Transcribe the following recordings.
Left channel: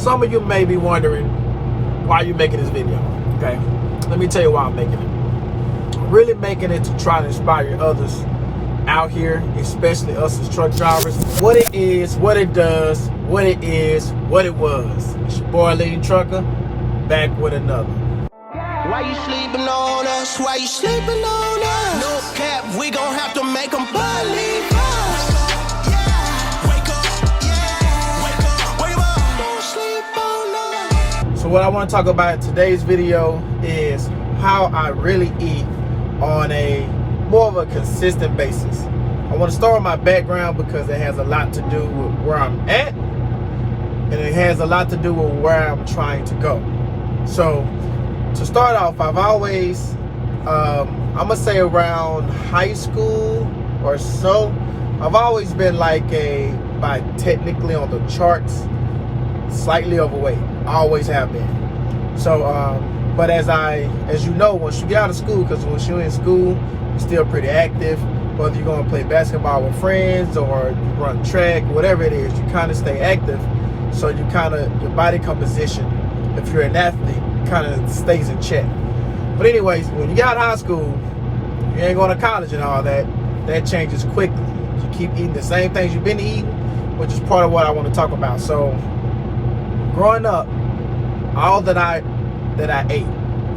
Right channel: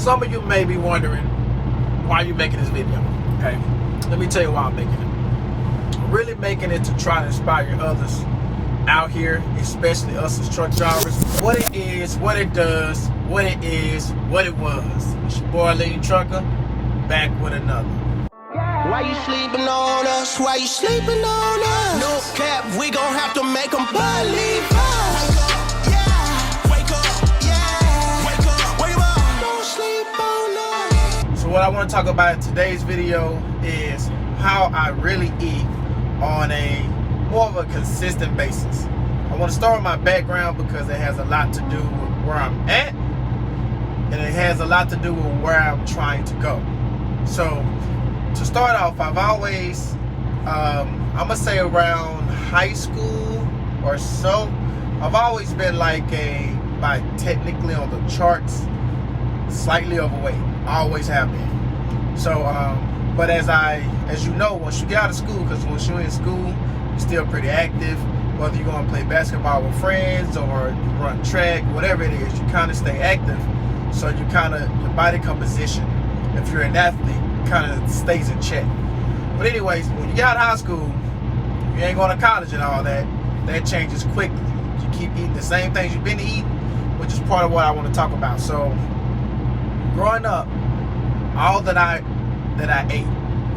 Some of you may be wondering why you're making this video, okay? Let me tell you why I'm making it. I'm really making it to try to inspire others out here, especially us as truck drivers. What it is, what it does, what it is, what it was. It's your boy, Lean Trucker, back with another. Why you sleeping on us? Why you sleeping on us? No cap, we gon' have to make them believe us. So what I want to talk about in today's video is how I really eat on a more of a consistent basis. I want to start with my background because it has a lot to do with where I'm at, and it has a lot to do with where I'm trying to go. So to start off, I've always, I'm gonna say around high school or so, I've always been like technically on the charts, slightly overweight. I always have been. So, but as you know, once you get out of school, because once you're in school, you're still pretty active. Whether you're gonna play basketball with friends or you run track, whatever it is, you kind of stay active. So you your body composition, if you're an athlete, kind of stays in check. But anyways, when you get out of high school, you ain't going to college and all that, that changes quickly. You keep eating the same things you've been eating, which is part of what I want to talk about. So growing up, all that I ate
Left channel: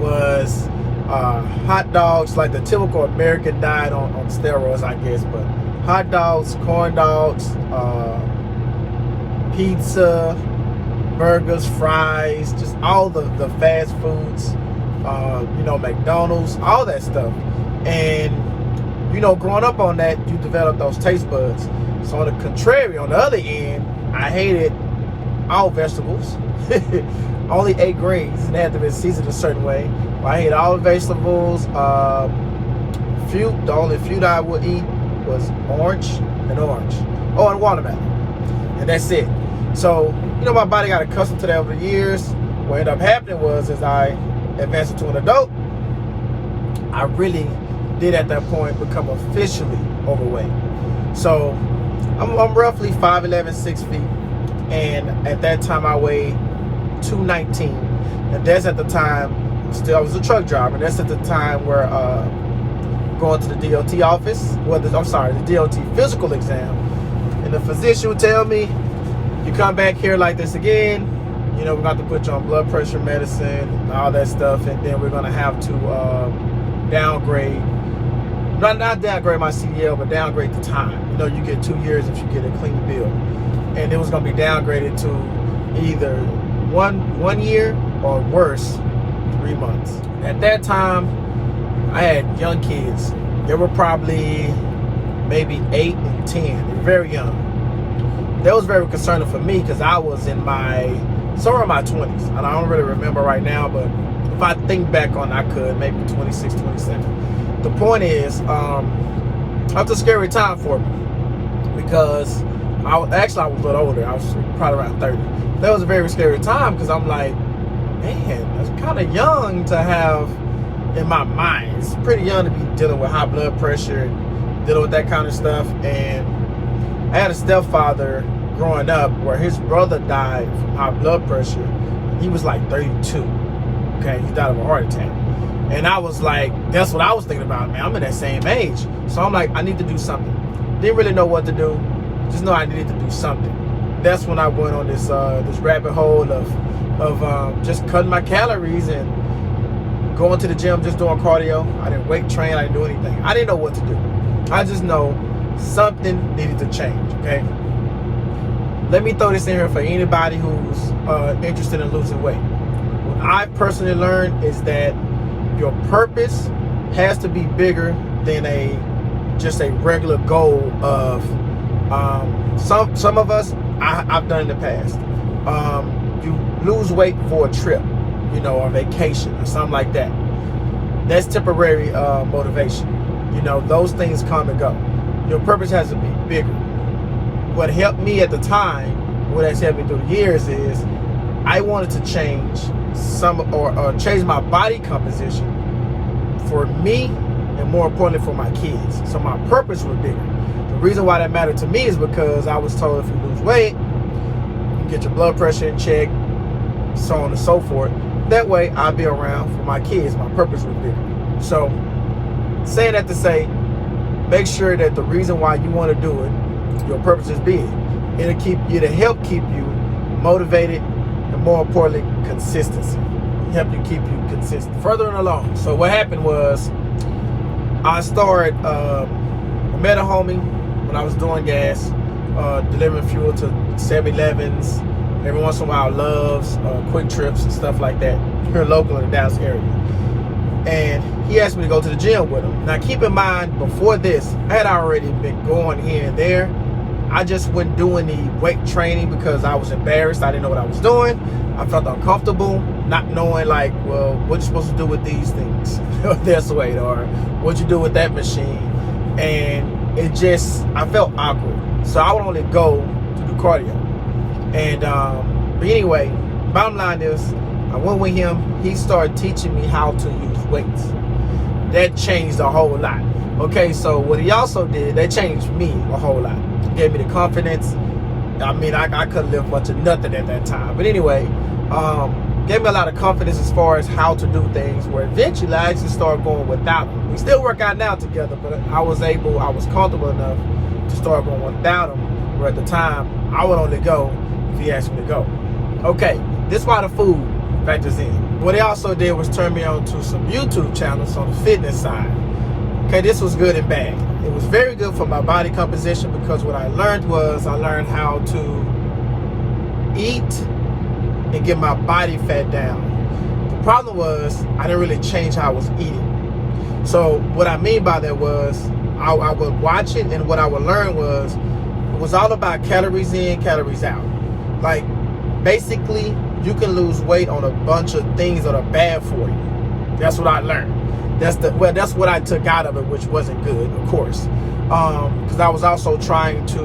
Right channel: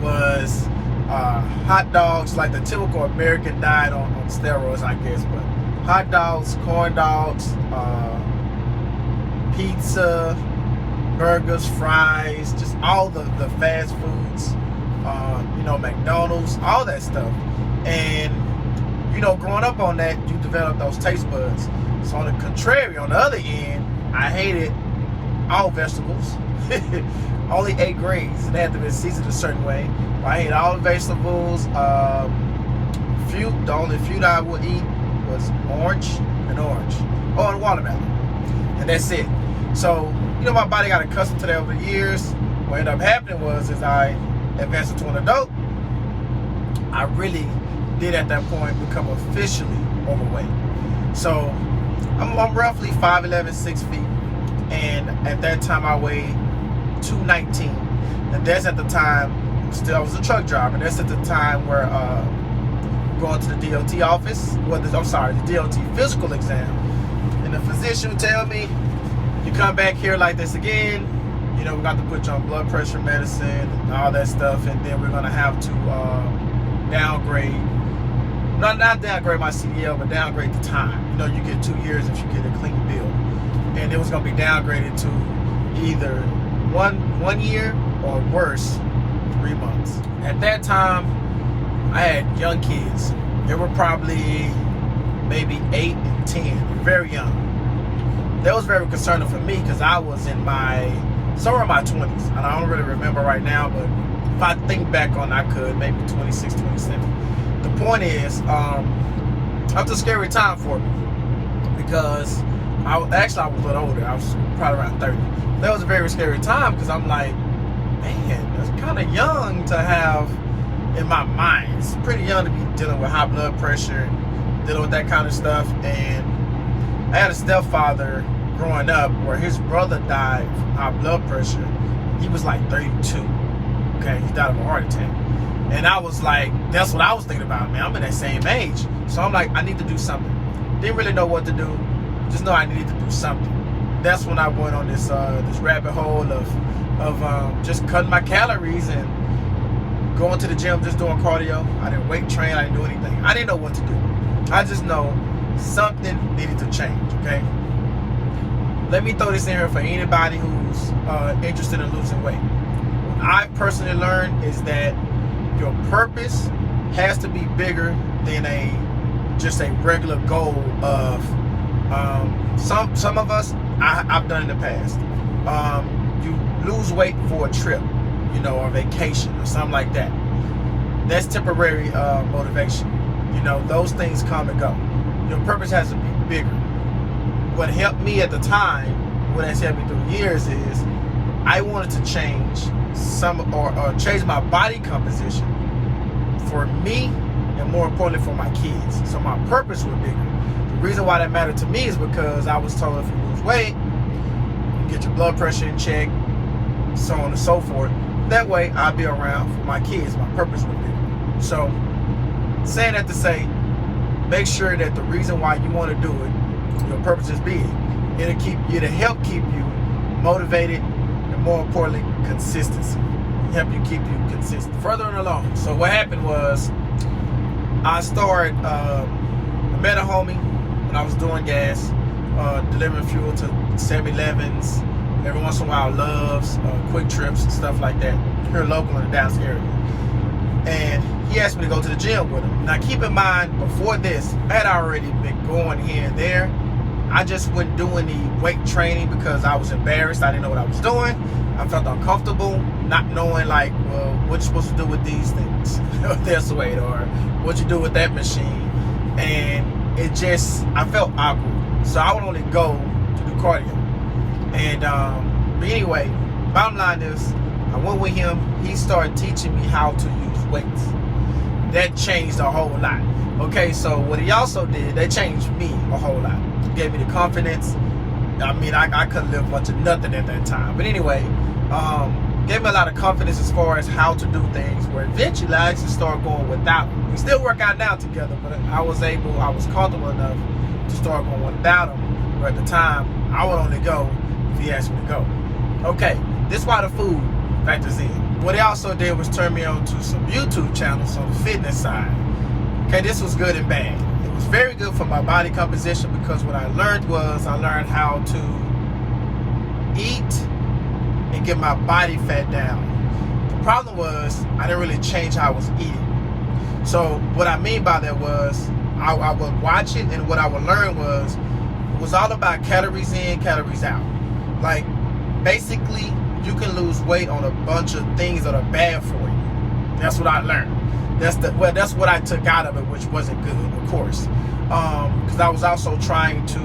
was hot dogs, like the typical American diet on steroids, I guess, but hot dogs, corn dogs, pizza, burgers, fries, just all the fast foods, McDonald's, all that stuff. And, growing up on that, you develop those taste buds. So on the contrary, on the other end, I hated all vegetables. Only ate greens, and they had to be seasoned a certain way. I ate all the vegetables. The only fruit I would eat was orange. Oh, and watermelon. And that's it. So, my body got accustomed to that over the years. What ended up happening was, as I advanced into an adult, I really did at that point become officially overweight. So, I'm roughly 5'11", 6 feet. And at that time, I weighed 219. And that's at the time, still I was a truck driver. And that's at the time where going to the DOT office, the DOT physical exam. And the physician would tell me, you come back here like this again, we're going to have to put you on blood pressure medicine and all that stuff, and then we're going to have to downgrade, not downgrade my CDL, but downgrade the time. You get 2 years if you get a clean bill. And it was going to be downgraded to either one year or worse, 3 months. At that time, I had young kids. They were probably maybe 8 and 10. They were very young. That was very concerning for me because I was somewhere in my 20s. And I don't really remember right now, but if I think back on, I could, maybe 26, 27. The point is, it was a scary time for me because I was a little older. I was probably around 30. That was a very scary time because I'm like, man, that's kind of young to have in my mind. It's pretty young to be dealing with high blood pressure, dealing with that kind of stuff. And I had a stepfather growing up where his brother died from high blood pressure. He was like 32. Okay, he died of a heart attack. And I was like, that's what I was thinking about, man. I'm in that same age. So I'm like, I need to do something. Didn't really know what to do. Just know I needed to do something. That's when I went on this rabbit hole of just cutting my calories and going to the gym, just doing cardio. I didn't weight train. I didn't do anything. I didn't know what to do. I just know something needed to change, okay? Let me throw this in here for anybody who's interested in losing weight. What I personally learned is that your purpose has to be bigger than just a regular goal of some of us, I've done in the past. You lose weight for a trip, or vacation or something like that. That's temporary motivation. Those things come and go. Your purpose has to be bigger. What helped me at the time, what has helped me through the years, is I wanted to change change my body composition for me and more importantly for my kids. So my purpose was bigger. The reason why that mattered to me is because I was told if you lose weight, you get your blood pressure in check, so on and so forth. That way I'll be around for my kids. My purpose will be. So saying that to say, make sure that the reason why you want to do it, your purpose is big. It'll help keep you motivated, and more importantly, consistency. Help you keep you consistent. Further along. So what happened was I met a homie when I was doing gas, delivering fuel to 7-Elevens, every once in a while Loves, Quick Trips and stuff like that, here local in the Dallas area. And he asked me to go to the gym with him. Now keep in mind, before this, I had already been going here and there. I just wasn't doing the weight training because I was embarrassed. I didn't know what I was doing. I felt uncomfortable, not knowing like, well, what you supposed to do with these things, this weight, or what you do with that machine. And it just, I felt awkward. So I would only go to do cardio. And but anyway, bottom line is, I went with him. He started teaching me how to use weights. That changed a whole lot. Okay, so what he also did, that changed me a whole lot. Gave me the confidence. I mean, I couldn't live much of nothing at that time. But anyway, gave me a lot of confidence as far as how to do things, where eventually I actually started going without him. We still work out now together, but I was comfortable enough to start going without him, where at the time, I would only go if he asked me to go. Okay, this is why the food factors in. What he also did was turn me on to some YouTube channels on the fitness side. Okay, this was good and bad. It was very good for my body composition because what I learned how to eat and get my body fat down. The problem was I didn't really change how I was eating. So what I mean by that was I would watch it, and what I would learn was it was all about calories in, calories out. Like basically you can lose weight on a bunch of things that are bad for you. That's what I learned. That's what I took out of it, which wasn't good, of course, because I was also trying to,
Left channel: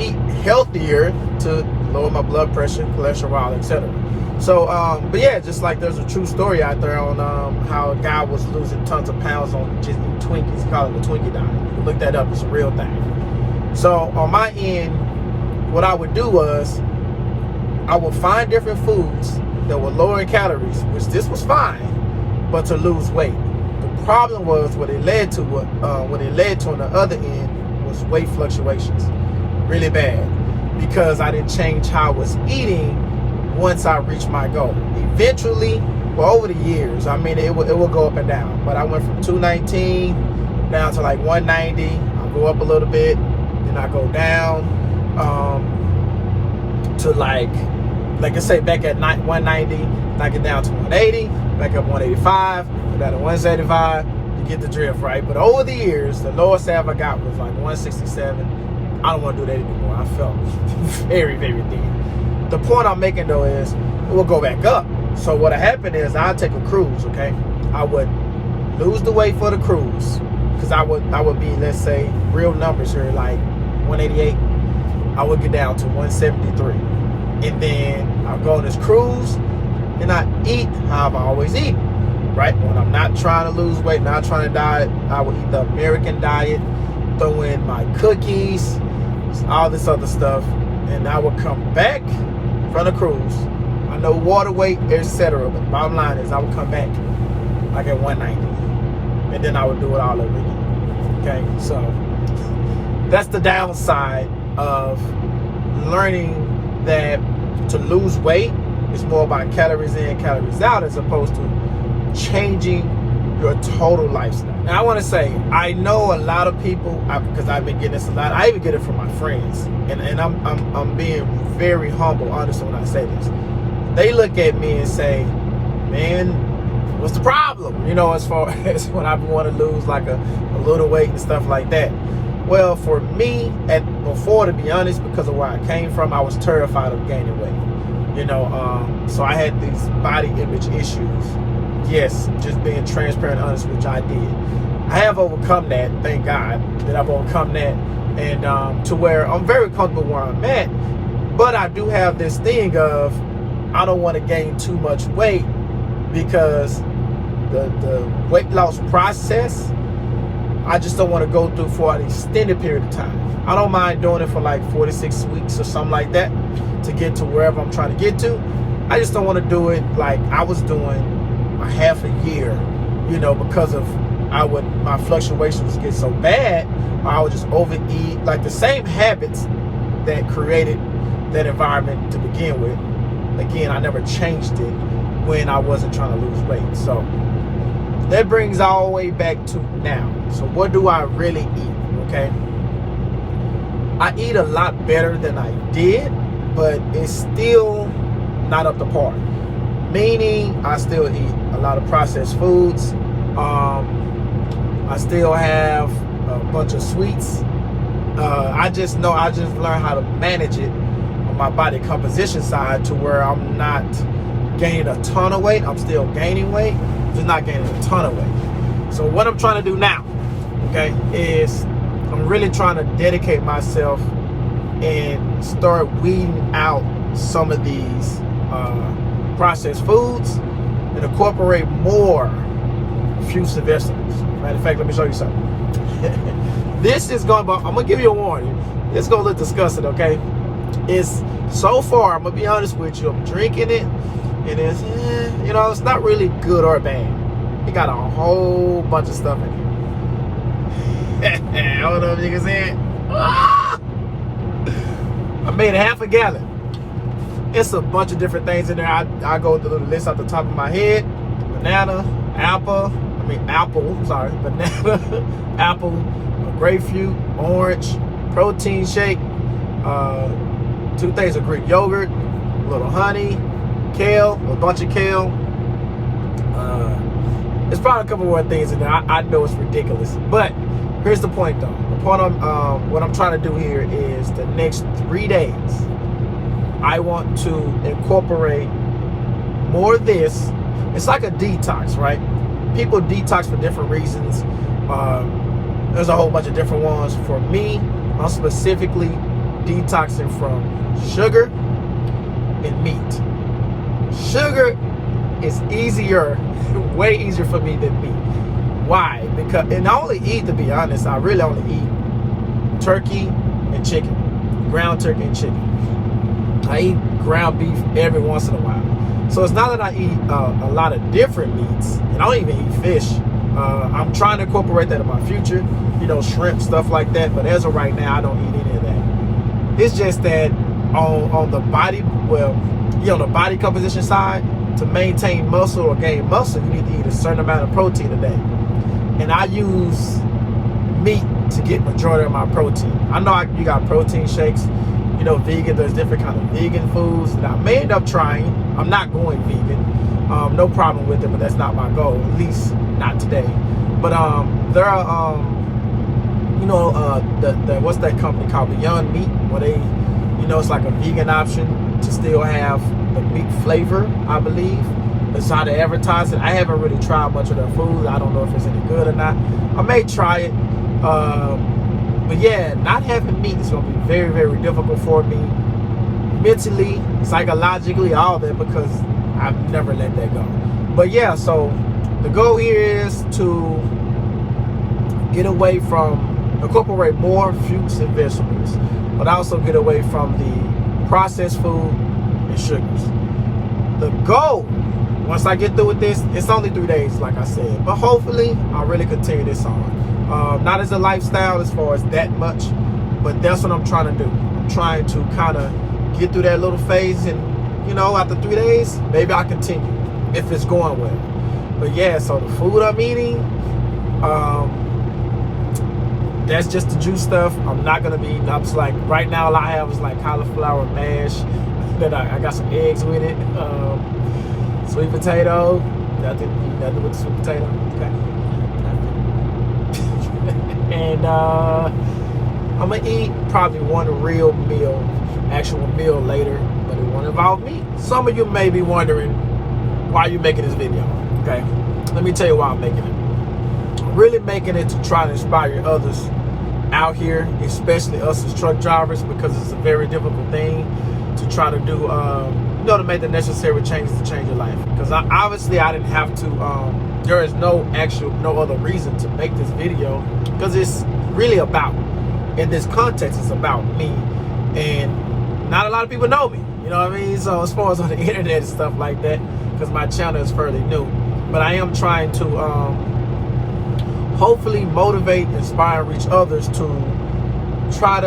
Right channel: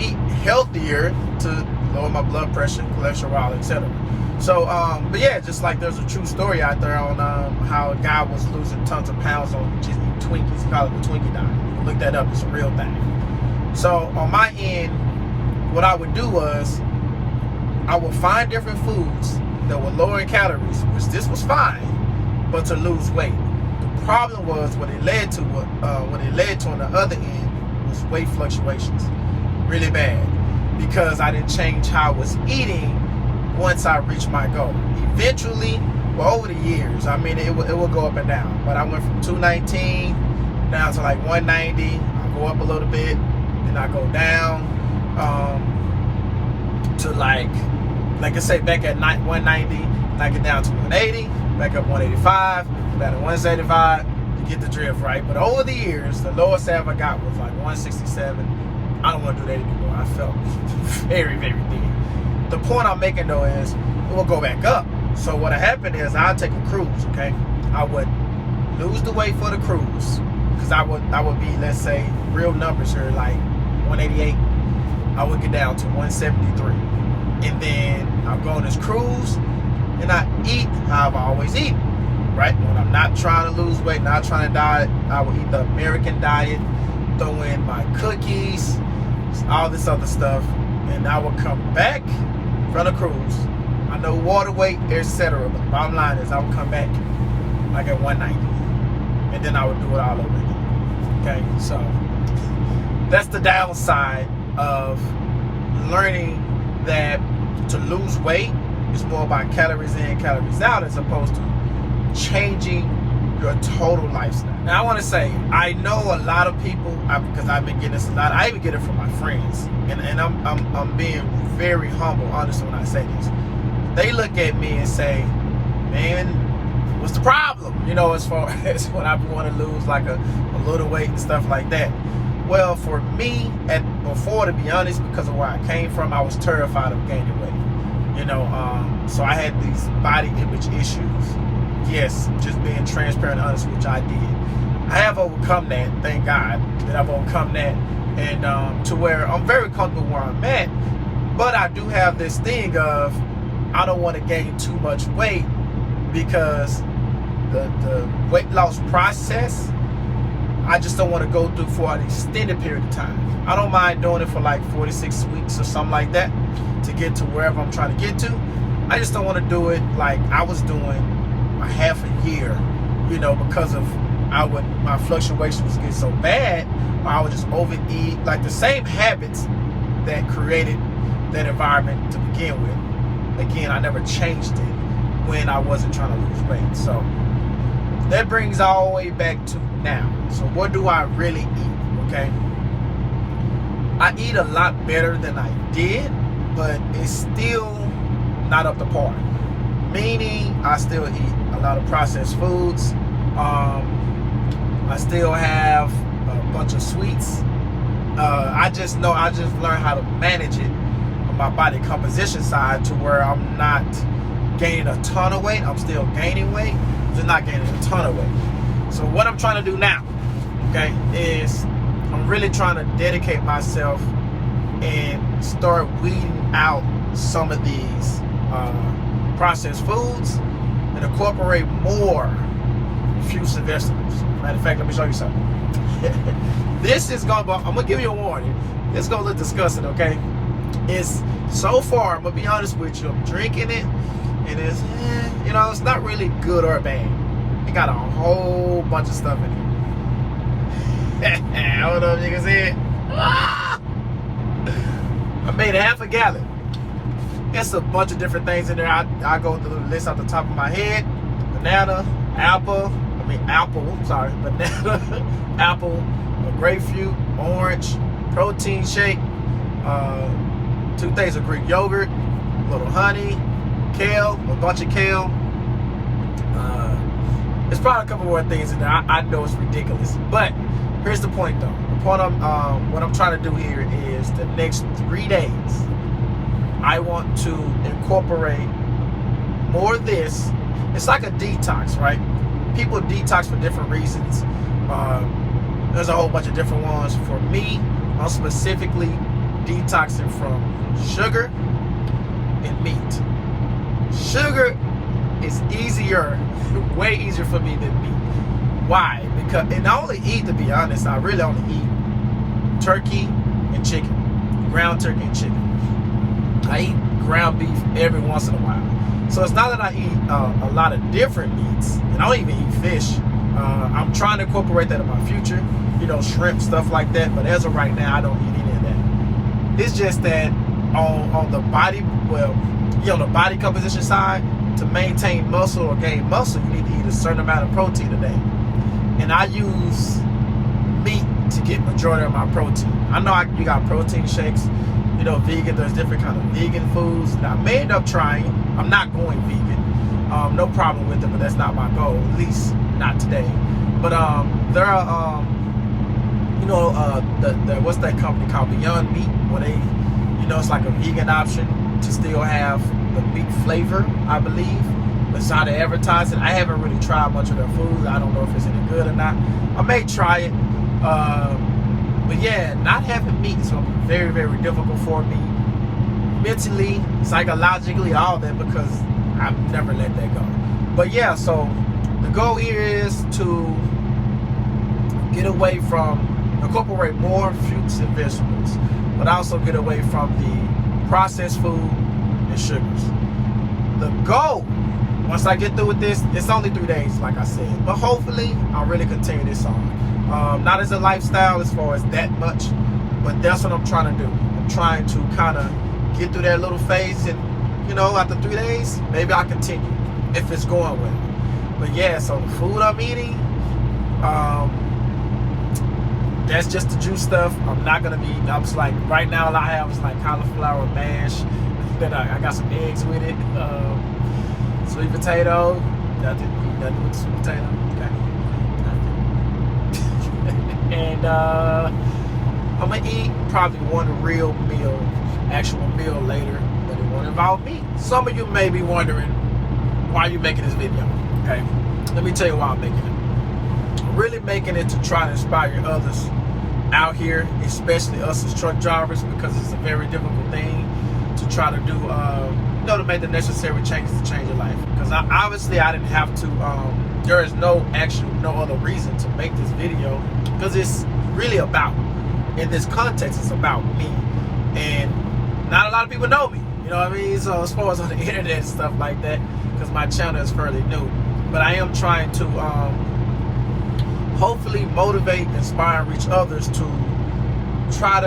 eat healthier to lower my blood pressure, cholesterol, etc. So, but yeah, just like there's a true story out there on how a guy was losing tons of pounds on just eating Twinkies. He called it the Twinkie diet. You can look that up; it's a real thing. So on my end, what I would do was I would find different foods that were lower in calories, which this was fine, but to lose weight. The problem was what it led to on the other end was weight fluctuations, really bad, because I didn't change how I was eating once I reached my goal. Eventually, well, over the years, I mean, it will go up and down, but I went from 219 down to like 190. I go up a little bit, then I go down to like I say, back at 190, then I get down to 180, back up 185, go down to 175, you get the drift, right? But over the years, the lowest I ever got was like 167. I don't want to do that anymore. I felt very, very thin. The point I'm making though is it will go back up. So what happened is I'll take a cruise, okay? I would lose the weight for the cruise, because I would be, let's say, real numbers here, like 188. I would get down to 173. And then I'll go on this cruise and I eat how I've always eaten, right? When I'm not trying to lose weight, not trying to diet, I will eat the American diet, throw in my cookies, all this other stuff, and I will come back from the cruise. I know water weight, etc. But the bottom line is I will come back like at 190. And then I would do it all over again. Okay, so that's the downside of learning that to lose weight is more about calories in, calories out, as opposed to changing your total lifestyle. Now I want to say, I know a lot of people, because I've been getting this a lot. I even get it from my friends, and I'm being very humble, honest when I say this. They look at me and say, "Man, what's the problem?" As far as when I want to lose like a little weight and stuff like that. Well, for me, before, to be honest, because of where I came from, I was terrified of gaining weight. So I had these body image issues. Yes, just being transparent and honest, which I did. I have overcome that, thank God, that I've overcome that, and to where I'm very comfortable where I'm at. But I do have this thing of I don't want to gain too much weight, because the weight loss process, I just don't want to go through for an extended period of time. I don't mind doing it for like 46 weeks or something like that. to get to wherever I'm trying to get to. I just don't want to do it like I was doing a half a year, you know, because of my fluctuations was getting so bad, or I would just overeat, like the same habits that created that environment to begin with. Again, I never changed it when I wasn't trying to lose weight. So that brings all the way back to now. So what do I really eat? Okay, I eat a lot better than I did, but it's still not up to par. Meaning I still eat a lot of processed foods. I still have a bunch of sweets. I just learned how to manage it on my body composition side to where I'm not gaining a ton of weight. I'm still gaining weight, just not gaining a ton of weight. So what I'm trying to do now, okay, is I'm really trying to dedicate myself and start weeding out some of these processed foods and incorporate more fruits and vegetables. Matter of fact, let me show you something. This is I'm gonna give you a warning. It's gonna look disgusting, okay? It's so far, I'm gonna be honest with you, I'm drinking it, and it's, you know, it's not really good or bad. It got a whole bunch of stuff in here. I don't know if you can see it. I made half a gallon. It's a bunch of different things in there. I go through the list off the top of my head. Banana, banana, apple, grapefruit, orange, protein shake, 2 things of Greek yogurt, a little honey, kale, a bunch of kale. There's probably a couple more things in there. I know it's ridiculous, but here's the point though. The point what I'm trying to do here is the next 3 days, I want to incorporate more of this. It's like a detox, right? People detox for different reasons. There's a whole bunch of different ones. For me, I'm specifically detoxing from sugar and meat. Sugar is easier, way easier for me than meat. Why? Because, and I only eat, to be honest, I really only eat turkey and chicken, ground turkey and chicken. I eat ground beef every once in a while. So it's not that I eat a lot of different meats, and I don't even eat fish. I'm trying to incorporate that in my future, you know, shrimp, stuff like that. But as of right now, I don't eat any of that. It's just that on the body, on the body composition side, to maintain muscle or gain muscle, you need to eat a certain amount of protein a day. And I use meat to get majority of my protein. I know you got protein shakes, you know, vegan. There's different kind of vegan foods that I may end up trying. I'm not going vegan. No problem with it, but that's not my goal, at least not today. But there are, you know, what's that company called, Beyond Meat, where they, you know, it's like a vegan option to still have the meat flavor, I believe. That's how they advertise it. I haven't really tried much of their food. I don't know if it's any good or not. I may try it. But yeah, not having meat is going to be very, very difficult for me. Mentally, psychologically, all that, because I've never let that go. But yeah, so the goal here is to get away from, incorporate more fruits and vegetables, but also get away from the processed food and sugars. The goal, once I get through with this, it's only 3 days, like I said, but hopefully I'll really continue this on. Not as a lifestyle as far as that much, but that's what I'm trying to do. I'm trying to kind of get through that little phase, and you know, after 3 days, maybe I'll continue if it's going well. But yeah, so the food I'm eating, that's just the juice stuff. I'm not gonna be eating. I'm just like, right now all I have is like cauliflower mash. Then I got some eggs with it. Sweet potato. Nothing with the sweet potato. Okay. And I'm gonna eat probably one real meal, actual meal later, but it won't involve meat. Some of you may be wondering why you making this video. Okay, let me tell you why I'm making it. I'm really making it to try to inspire others out here, especially us as truck drivers, because it's a very difficult thing to try to do, you know, to make the necessary changes to change your life. Because obviously I didn't have to, there is no other reason to make this video, because it's really about, in this context, it's about me. And not a lot of people know me. You know what I mean? So as far as on the internet and stuff like that, because my channel is fairly new. But I am trying to hopefully motivate, inspire, and reach others to try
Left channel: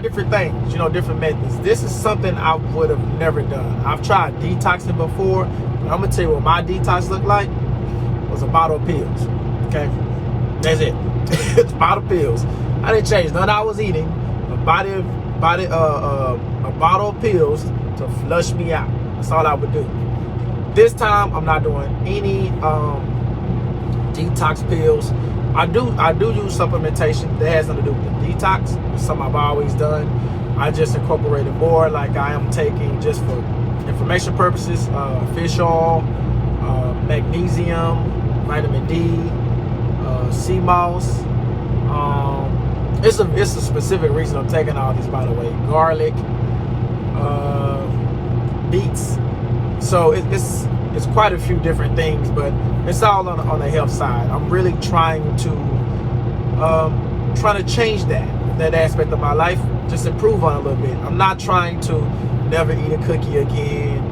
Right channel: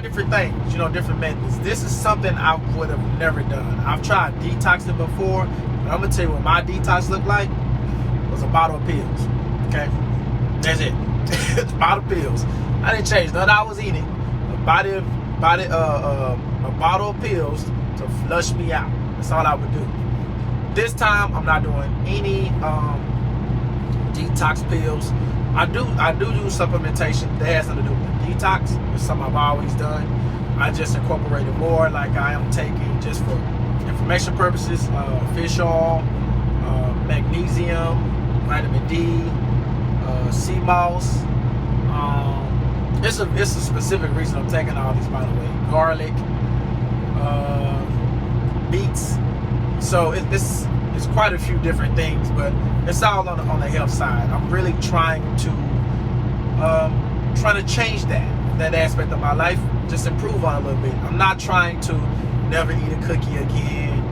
different things, you know, different methods. This is something I would have never done. I've tried detoxing before, but I'm gonna tell you what my detox looked like was a bottle of pills. Okay, that's it. A bottle of pills. I didn't change nothing I was eating. A bottle of pills to flush me out. That's all I would do. This time I'm not doing any detox pills. I do use supplementation that has nothing to do with the detox. It's something I've always done. I just incorporated more, like I am taking, just for information purposes, fish oil, magnesium, vitamin D, sea moss. It's a specific reason I'm taking all these, by the way. Garlic, beets. So it's quite a few different things, but it's all on the health side. I'm really trying to change that aspect of my life, just improve on it a little bit. I'm not trying to never eat a cookie again,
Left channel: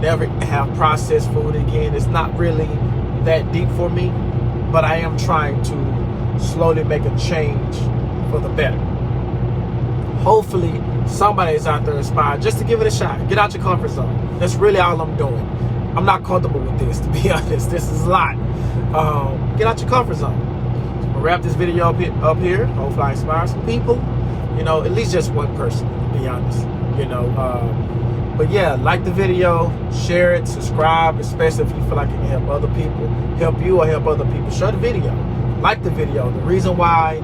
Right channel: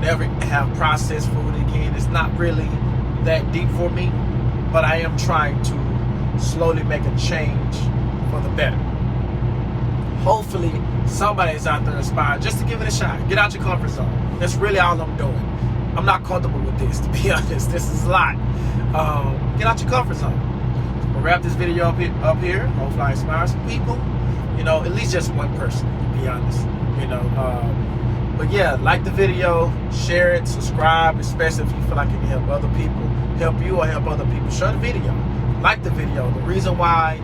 never have processed food again. It's not really that deep for me, but I am trying to slowly make a change for the better. Hopefully somebody is out there inspired just to give it a shot. Get out your comfort zone. That's really all I'm doing. I'm not comfortable with this, to be honest. This is a lot. Get out your comfort zone. I'll wrap this video up here. Hopefully I inspire some people. You know, at least just one person, to be honest. You know, but yeah, like the video, share it, subscribe, especially if you feel like it can help other people, help you or help other people. Share the video. Like the video. The reason why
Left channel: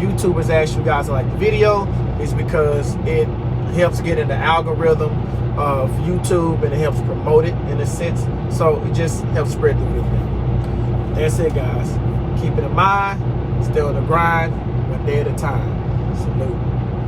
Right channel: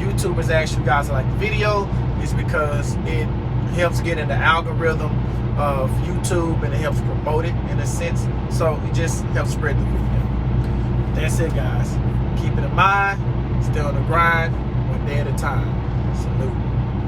YouTubers ask you guys to like the video is because it helps get in the algorithm of YouTube and it helps promote it in a sense. So it just helps spread the video. That's it, guys. Keep it in mind. Stay on the grind, one day at a time. Salute.